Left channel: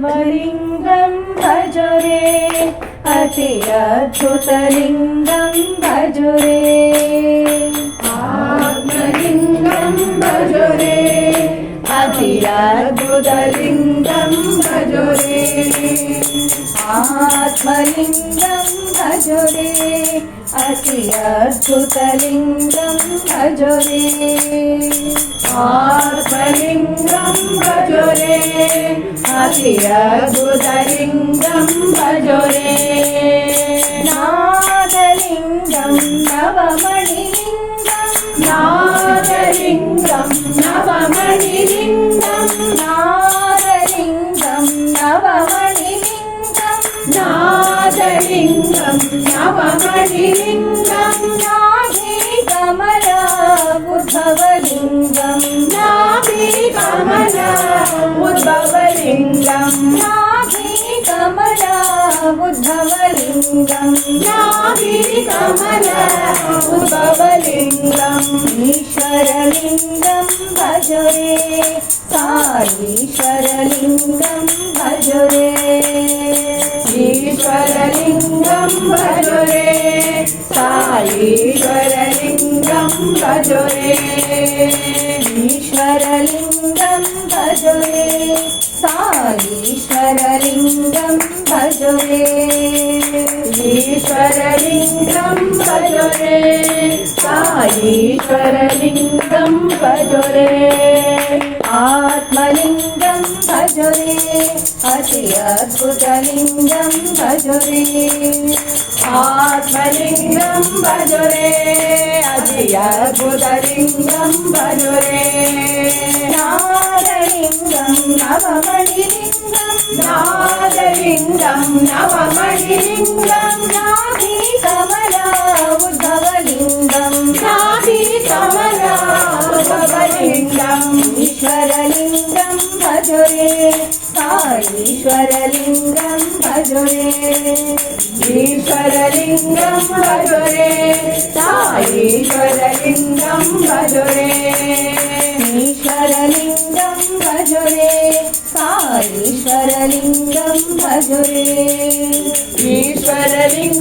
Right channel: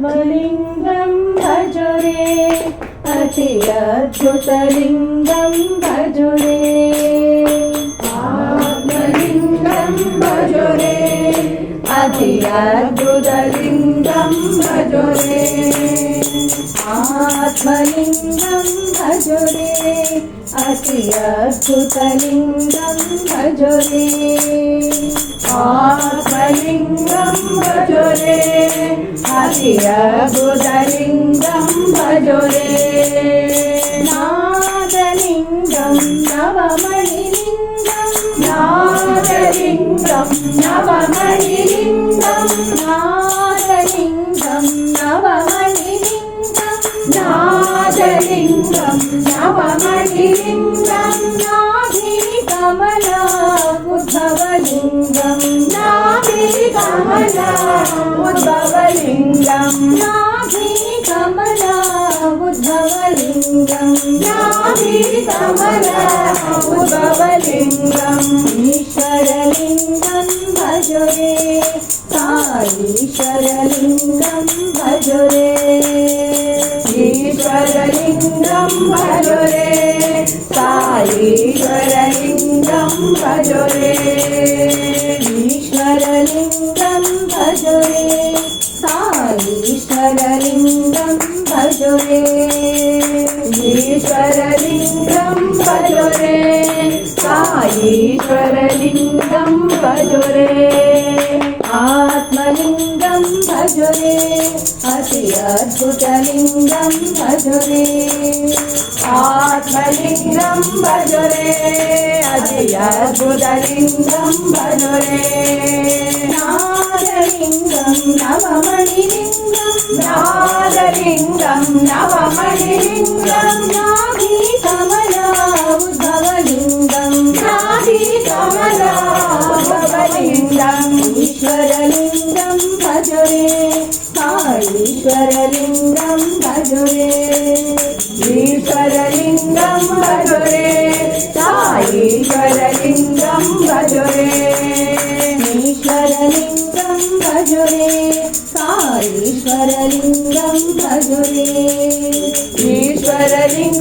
आत्मलिङ्गं भज रे अति अद्भुतलिङ्गं भज रे आत्मलिङ्गं भज रे अति अद्भुतलिङ्गं भज रे आत्मलिङ्गं भज रे अति अद्भुतलिङ्गं भज रे आत्मलिङ्गं भज रे अति अद्भुतलिङ्गं भज रे नादलिङ्गं नवमणिलिङ्गं नादलिङ्गं नवमणिलिङ्गं नादलिङ्गं नवमणिलिङ्गं नादलिङ्गं नवमणिलिङ्गं नाभिकमला उद्भवलिङ्गं नाभिकमला उद्भवलिङ्गं नाभिकमला उद्भवलिङ्गं नाभिकमला उद्भवलिङ्गं ईश्वरलिङ्गं भज रे साईश्वरलिङ्गं भज रे ईश्वरलिङ्गं भज रे साईश्वरलिङ्गं भज रे ईश्वरलिङ्गं भज रे साईश्वरलिङ्गं भज रे ईश्वरलिङ्गं भज रे साईश्वरलिङ्गं भज रे आत्मलिङ्गं भज रे अति अद्भुतलिङ्गं भज रे आत्मलिङ्गं भज रे अति अद्भुतलिङ्गं भज रे नादलिङ्गं नवमणिलिङ्गं नादलिङ्गं नवमणिलिङ्गं नाभिकमला उद्भवलिङ्गं नाभिकमला उद्भवलिङ्गं ईश्वरलिङ्गं भज रे साईश्वरलिङ्गं भज रे ईश्वरलिङ्गं भज रे साईश्वरलिङ्गं भज रे ईश्वरलिङ्गं भज रे साईश्वरलिङ्गं भज रे ईश्वरलिङ्गं